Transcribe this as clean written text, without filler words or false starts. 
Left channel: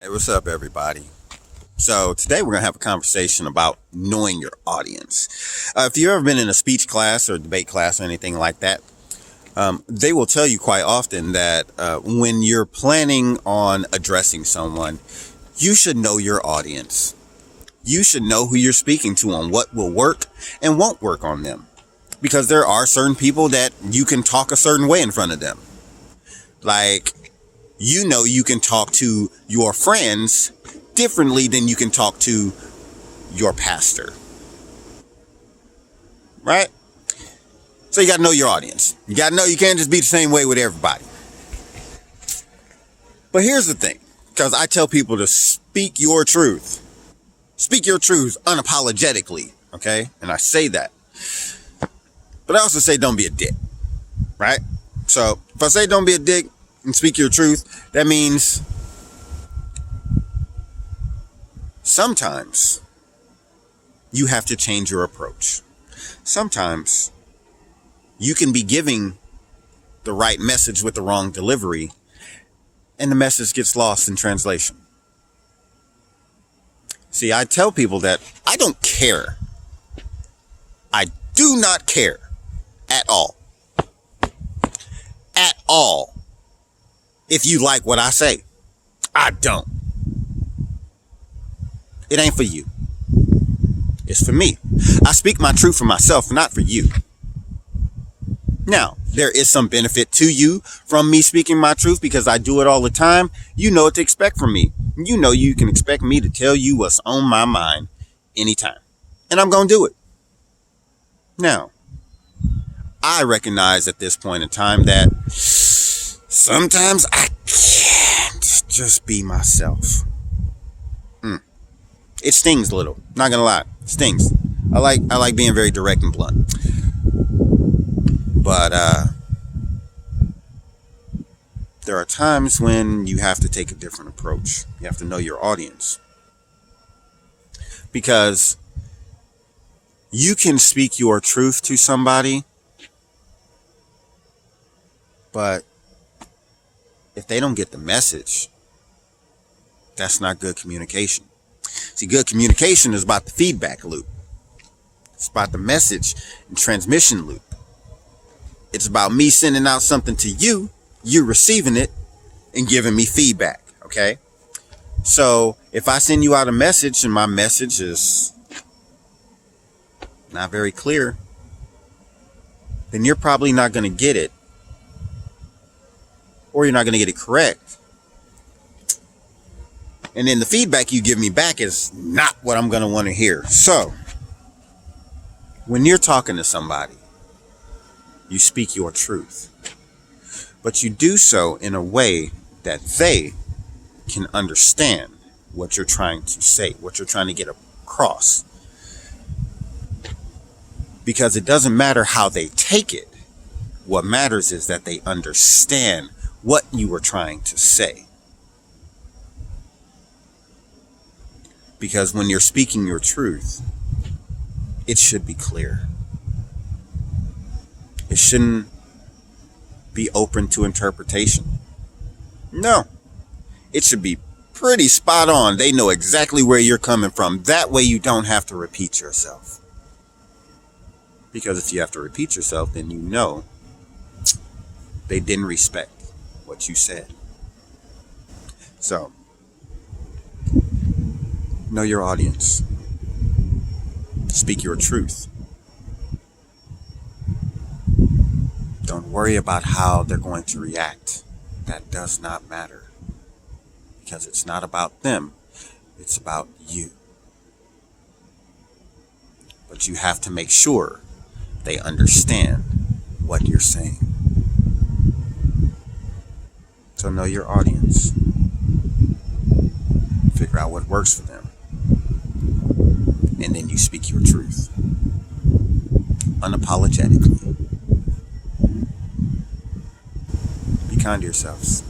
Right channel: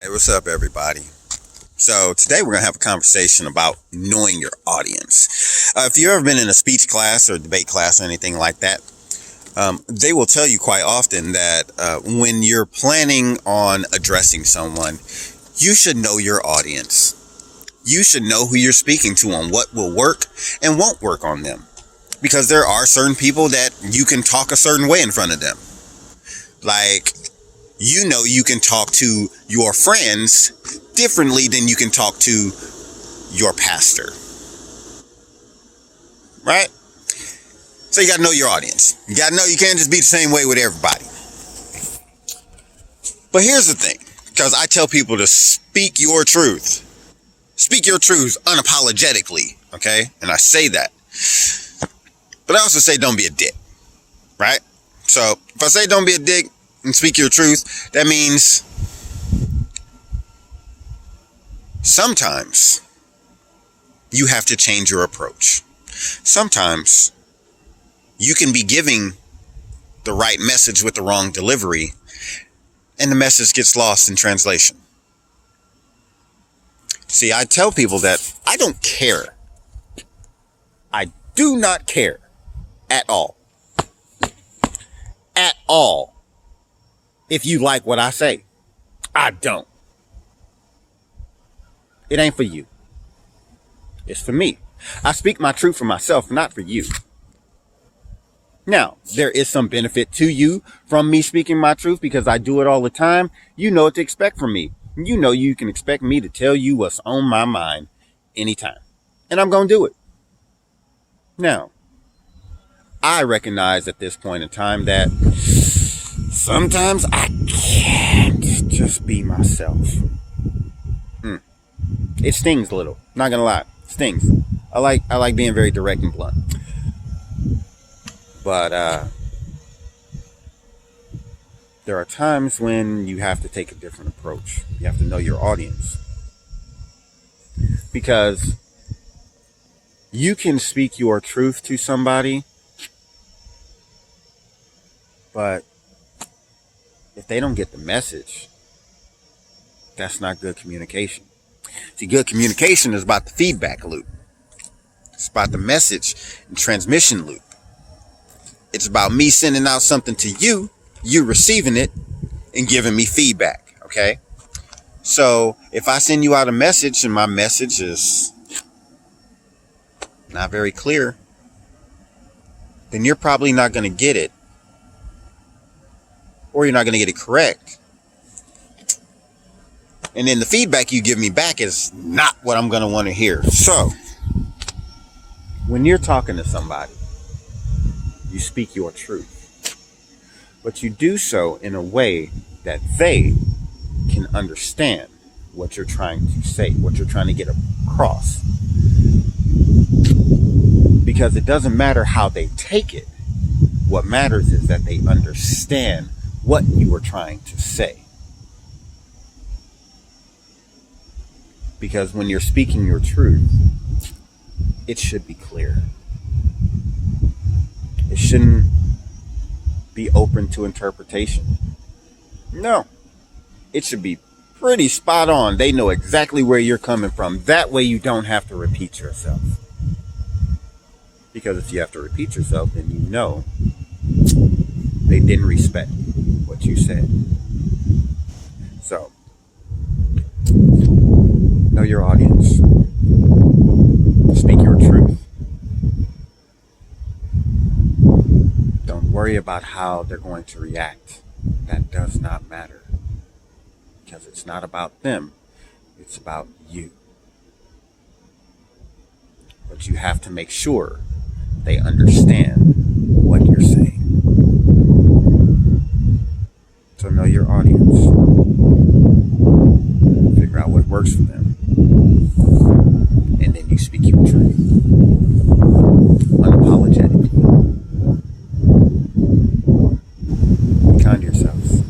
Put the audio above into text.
Hey, what's up, everybody? So today we're going to have a conversation about knowing your audience. If you've ever been in a speech class or debate class or anything like that, they will tell you quite often that when you're planning on addressing someone, you should know your audience. You should know who you're speaking to on what will work and won't work on them. Because there are certain people that you can talk a certain way in front of them. Like, you can talk to your friends differently than you can talk to your pastor. Right? So you got to know your audience. You got to know you can't just be the same way with everybody. But here's the thing, because I tell people to speak your truth. Speak your truth unapologetically, okay? And I say that. But I also say don't be a dick, right? So if I say don't be a dick and speak your truth, that means sometimes you have to change your approach. Sometimes you can be giving the right message with the wrong delivery, and the message gets lost in translation. See, I tell people that I don't care. I do not care at all. At all. If you like what I say. I don't. It ain't for you. It's for me. I speak my truth for myself, not for you. Now, there is some benefit to you from me speaking my truth because I do it all the time. You know what to expect from me. You know you can expect me to tell you what's on my mind anytime. And I'm going to do it. Now, I recognize at this point in time that sometimes I can't just be myself. It stings a little. Not gonna lie, it stings. I like being very direct and blunt. But there are times when you have to take a different approach. You have to know your audience, because you can speak your truth to somebody, but if they don't get the message, that's not good communication. See, good communication is about the feedback loop. It's about the message and transmission loop. It's about me sending out something to you, you receiving it, and giving me feedback, okay? So if I send you out a message and my message is not very clear, then you're probably not going to get it. Or you're not going to get it correct. And then the feedback you give me back is not what I'm going to want to hear. So, when you're talking to somebody, you speak your truth. But you do so in a way that they can understand what you're trying to say, what you're trying to get across. Because it doesn't matter how they take it. What matters is that they understand what you were trying to say. Because when you're speaking your truth, it should be clear. It shouldn't be open to interpretation. No. It should be pretty spot on. They know exactly where you're coming from. That way you don't have to repeat yourself. Because if you have to repeat yourself, then you know they didn't respect what you said. So, know your audience. Speak your truth. Don't worry about how they're going to react. That does not matter. Because it's not about them. It's about you. But you have to make sure they understand what you're saying. So know your audience. Figure out what works for them. And then you speak your truth. Unapologetically. Be kind to yourselves.